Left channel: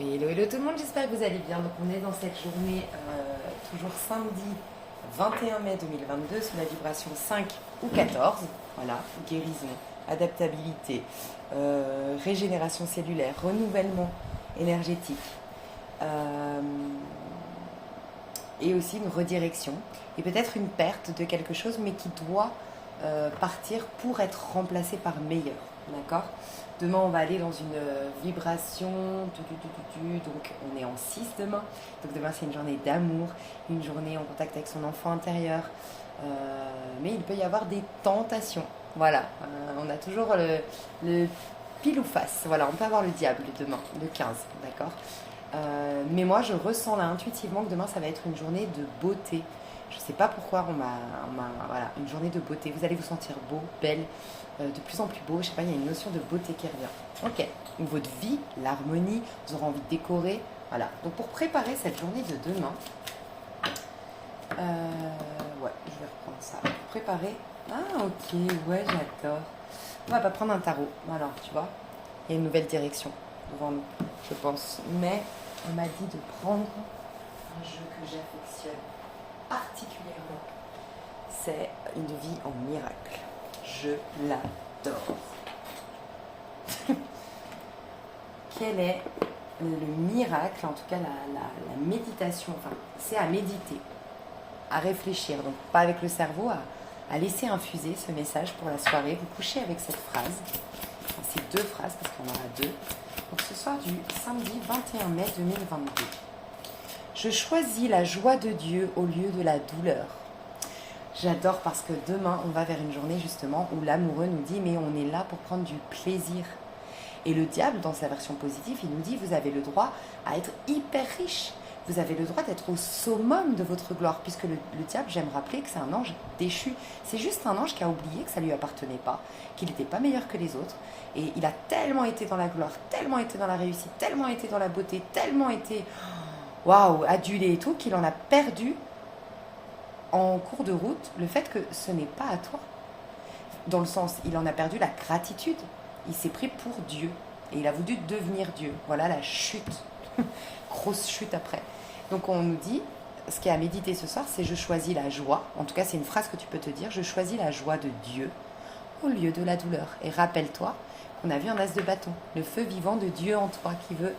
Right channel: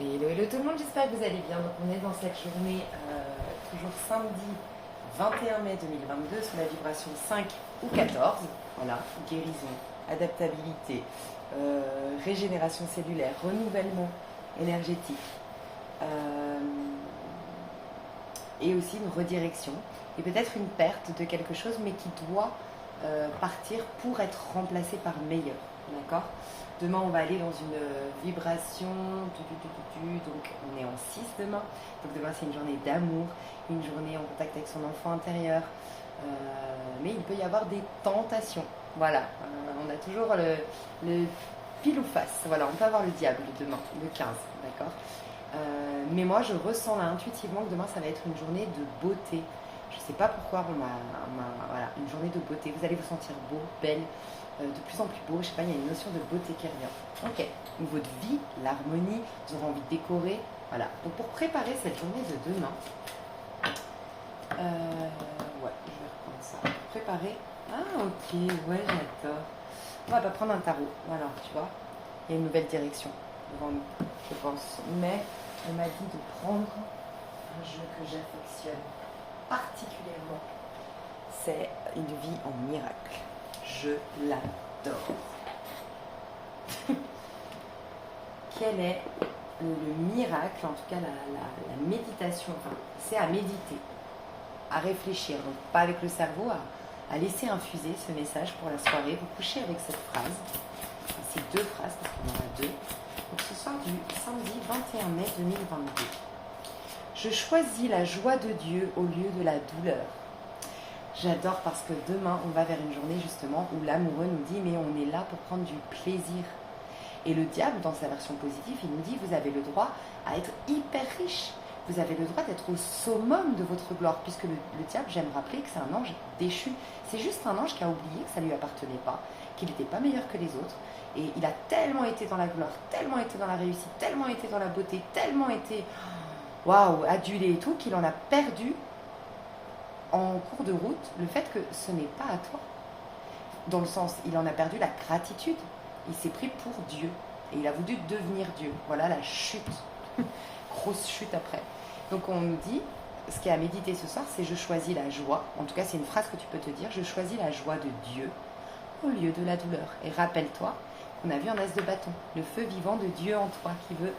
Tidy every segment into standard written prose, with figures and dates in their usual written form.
Hello tout le monde, j'espère que vous allez bien. Donc on est dans cette journée, toujours samedi 21 mai 2022, sous la vibration 5 ou 14. Voilà, guérison, adaptabilité, régénération cellulaire, renouvellement énergétique, euh, et aussi une redirection. Et peut-être une perte de quelque chose, mais qui doit partir pour être remplacé par meilleur. D'accord. Demain, on va aller dans une vibration. Donc, on est en 6 demain. Donc, demain, c'est une journée d'amour, une journée en contact avec son enfant intérieur. Mais il peut y avoir des tentations. Voilà. On a toujours le pile ou face. Voilà, on peut avoir le diable demain, le 15. D'accord. Mais moi, je ressens là intuitivement que demain, ça va être une journée de beauté. Je ne sais pas pourquoi voilà, une journée de beauté. Vous allez vous sentir beau, belle, de plus en plus beau. Je sais pas, il y a une notion de beauté qui revient. Ok. Donc votre vie, l'harmonie, vous aurez envie de décorer. Voilà. Donc pour préparer cette journée de demain, ouais, je vais reprendre ça. Pour préparer. Ah ok, ouais, j'adore. On va pas prendre un tarot. Voilà, tu vois. Il y a une nouvelle direction devant nous, je pense. Mais on m'a dit de prendre un jeu que j'affectionne particulièrement. C'est une vie en miracle. Je l'adore. Quel est le miracle, en tout cas la méditation, enfin, c'est à méditer, à réfléchir, donc pas avec le cerveau, à laisser infuser ce message pour la soirée. Vous couchez avec cette phrase, ces deux phrases, parce qu'il y en aura deux. Donc ce soir du samedi 21 mai 2022. Je choisis la joie de Dieu au lieu de la douleur. J'adore parce que demain, on va vers une journée justement où l'amoureux nous dit mais on est là pour prendre du plaisir. Et le diable, dans sa version positive, il nous dit vous avez le droit à être hyper riche. Vous avez le droit d'être au summum de votre gloire. Puisque le diable, j'aime rappeler que c'est un ange déchu. C'est juste un ange qui a oublié que ça ne lui appartenait pas, qu'il n'était pas meilleur que les autres. Et il a tellement été dans la gloire, tellement été dans la réussite, tellement été dans la beauté, tellement été waouh, adulé et tout, qu'il en a perdu en cours de route le fait que ce n'est pas à toi. Dans le sens, il en a perdu la gratitude. Il s'est pris pour Dieu. Et il a voulu devenir Dieu. Voilà la chute. Grosse chute après. Donc on nous dit, ce qui est à méditer ce soir, c'est je choisis la joie. En tout cas, c'est une phrase que tu peux te dire. Je choisis la joie de Dieu au lieu de la douleur. Et rappelle-toi qu'on a vu un as de bâton. Le feu vivant de Dieu en toi qui veut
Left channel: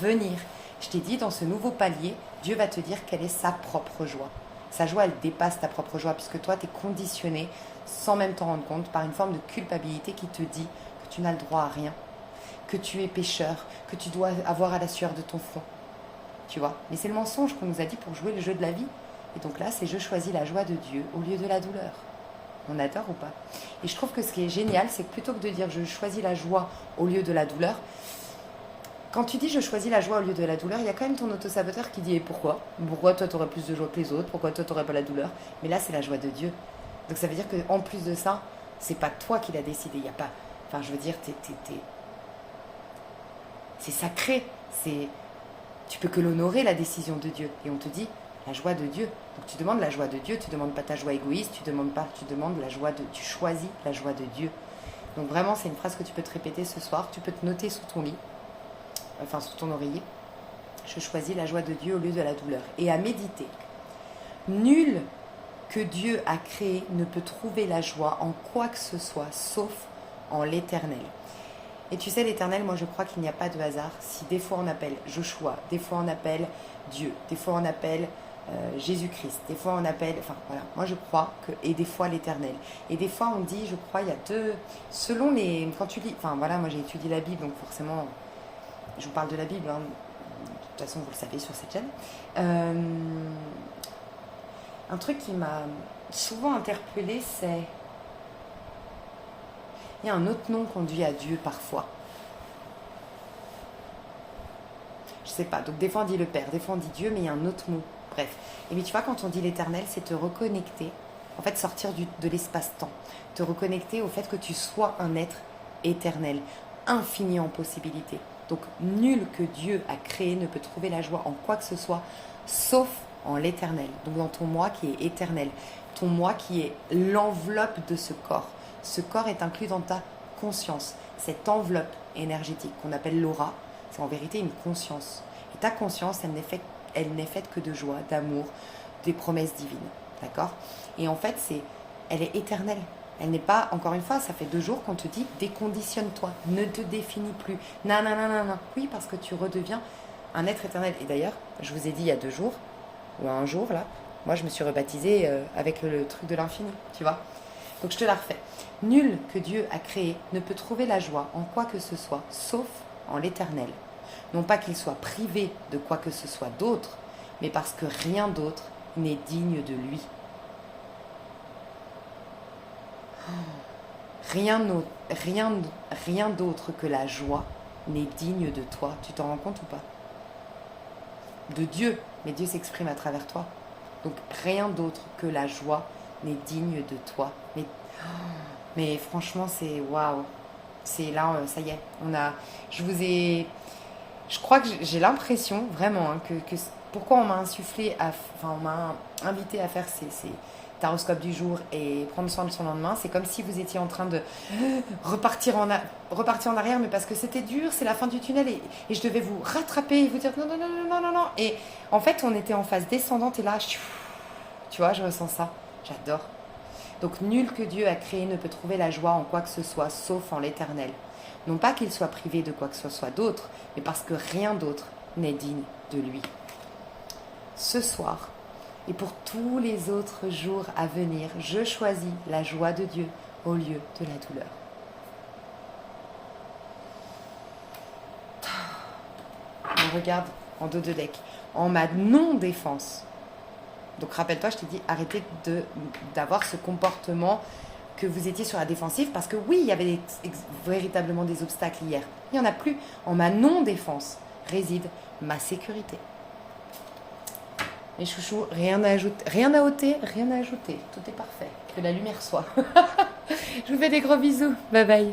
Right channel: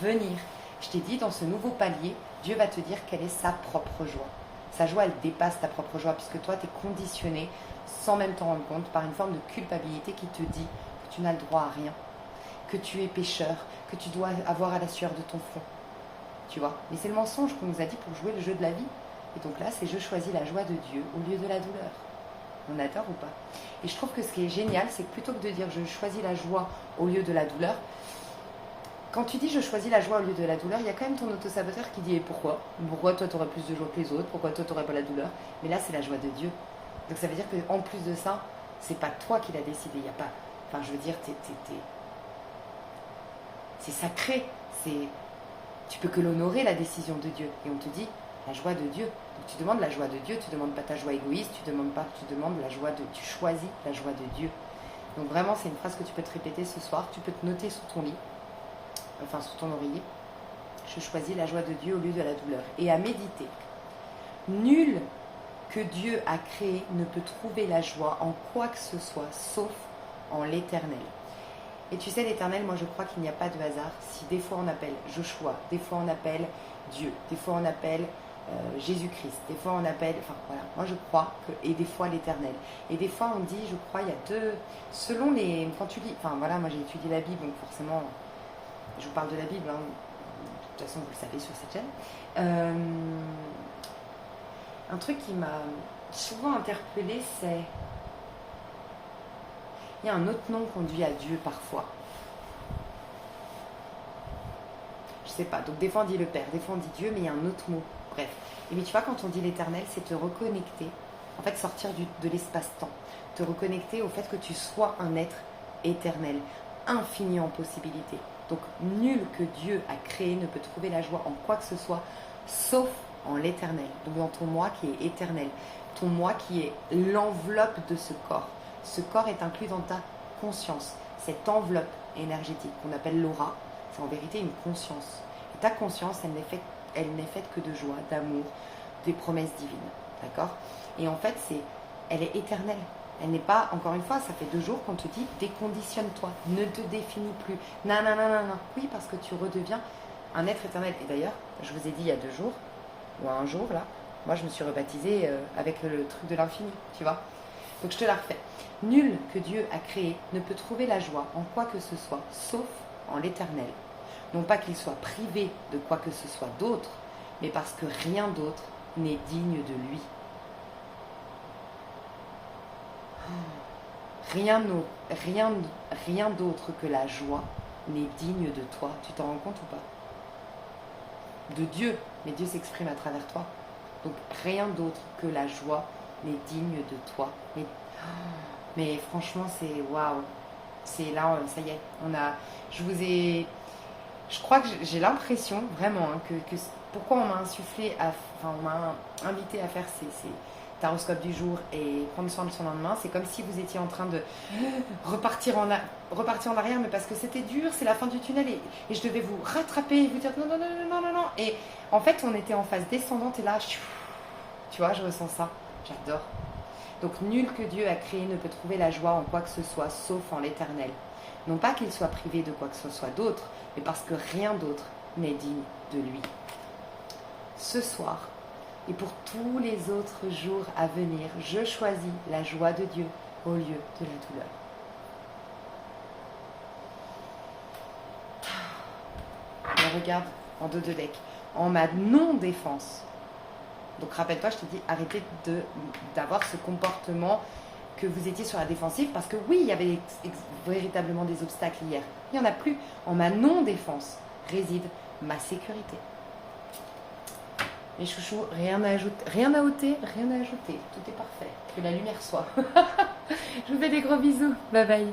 venir. Je t'ai dit, dans ce nouveau palier, Dieu va te dire quelle est sa propre joie. Sa joie, elle dépasse ta propre joie, puisque toi, tu es conditionné, sans même t'en rendre compte, par une forme de culpabilité qui te dit que tu n'as le droit à rien, que tu es pécheur, que tu dois avoir à la sueur de ton front. Tu vois. Mais c'est le mensonge qu'on nous a dit pour jouer le jeu de la vie. Et donc là, c'est je choisis la joie de Dieu au lieu de la douleur. On adore ou pas? Et je trouve que ce qui est génial, c'est que plutôt que de dire je choisis la joie au lieu de la douleur, quand tu dis je choisis la joie au lieu de la douleur, il y a quand même ton autosaboteur qui dit et pourquoi? Pourquoi toi tu aurais plus de joie que les autres? Pourquoi toi tu n'aurais pas la douleur? Mais là c'est la joie de Dieu. Donc ça veut dire qu'en plus de ça, c'est pas toi qui l'as décidé. Il y a pas. Enfin je veux dire, c'est sacré. Tu peux que l'honorer la décision de Dieu. Et on te dit la joie de Dieu. Donc tu demandes la joie de Dieu, tu demandes pas ta joie égoïste, tu demandes la joie de. Tu choisis la joie de Dieu. Donc vraiment c'est une phrase que tu peux te répéter ce soir. Tu peux te noter sous ton lit. Enfin sous ton oreiller, je choisis la joie de Dieu au lieu de la douleur. Et à méditer. Nul que Dieu a créé ne peut trouver la joie en quoi que ce soit, sauf en l'Éternel. Et tu sais, l'Éternel, moi je crois qu'il n'y a pas de hasard. Si des fois on appelle Joshua, des fois on appelle Dieu, des fois on appelle Jésus-Christ, des fois on appelle, enfin voilà, moi je crois que, et des fois l'Éternel. Et des fois on dit, je crois, il y a deux, selon les, quand tu lis, enfin voilà, moi j'ai étudié la Bible, donc forcément, je vous parle de la Bible, hein. De toute façon vous le savez sur cette chaîne. Un truc qui m'a souvent interpellée, c'est il y a un autre nom qu'on dit à Dieu parfois. Je sais pas, donc des fois on dit le Père, des fois on dit Dieu, mais il y a un autre mot. Bref. Et bien tu vois, quand on dit l'Éternel, c'est te reconnecter, en fait sortir de l'espace-temps, te reconnecter au fait que tu sois un être éternel, infini en possibilités. Donc nul que Dieu a créé ne peut trouver la joie en quoi que ce soit, sauf en l'Éternel. Donc dans ton moi qui est éternel, ton moi qui est l'enveloppe de ce corps. Ce corps est inclus dans ta conscience, cette enveloppe énergétique qu'on appelle l'aura. c'est en vérité une conscience. Et ta conscience, elle n'est faite que de joie, d'amour, des promesses divines. D'accord? Et en fait, elle est éternelle. Elle n'est pas, encore une fois, ça fait 2 jours qu'on te dit déconditionne-toi, ne te définis plus. Non, non, non, non, non. Oui, parce que tu redeviens un être éternel. Et d'ailleurs, je vous ai dit il y a 2 jours, ou un jour là, moi je me suis rebaptisée avec le truc de l'infini, tu vois. Donc je te la refais. Nul que Dieu a créé ne peut trouver la joie en quoi que ce soit, sauf en l'éternel. Non pas qu'il soit privé de quoi que ce soit d'autre, mais parce que rien d'autre n'est digne de lui. Rien d'autre que la joie n'est digne de toi. Tu t'en rends compte ou pas? De Dieu, mais Dieu s'exprime à travers toi. Donc rien d'autre que la joie n'est digne de toi. Mais franchement, c'est waouh. C'est là, ça y est. Je crois que j'ai l'impression vraiment que pourquoi on m'a insufflé, on m'a invité à faire ces taroscopes du jour et prendre soin de son lendemain, c'est comme si vous étiez en train de repartir en arrière, mais parce que c'était dur, c'est la fin du tunnel et je devais vous rattraper et vous dire non, non, non, non, non, non. Et en fait, on était en phase descendante et là, tu vois, je ressens ça. J'adore. Donc, nul que Dieu a créé ne peut trouver la joie en quoi que ce soit, sauf en l'éternel. Non pas qu'il soit privé de quoi que ce soit d'autre, mais parce que rien d'autre n'est digne de lui. Ce soir, et pour tous les autres jours à venir, je choisis la joie de Dieu au lieu de la douleur. On regarde en 2 decks. En ma non-défense. Donc rappelle-toi, je t'ai dit, arrêtez d'avoir ce comportement que vous étiez sur la défensive, parce que oui, il y avait véritablement des obstacles hier. Il n'y en a plus. En ma non-défense réside ma sécurité. Mes chouchous, rien à ajouter, rien à ôter, rien à ajouter. Tout est parfait. Que la lumière soit. Je vous fais des gros bisous. Bye bye.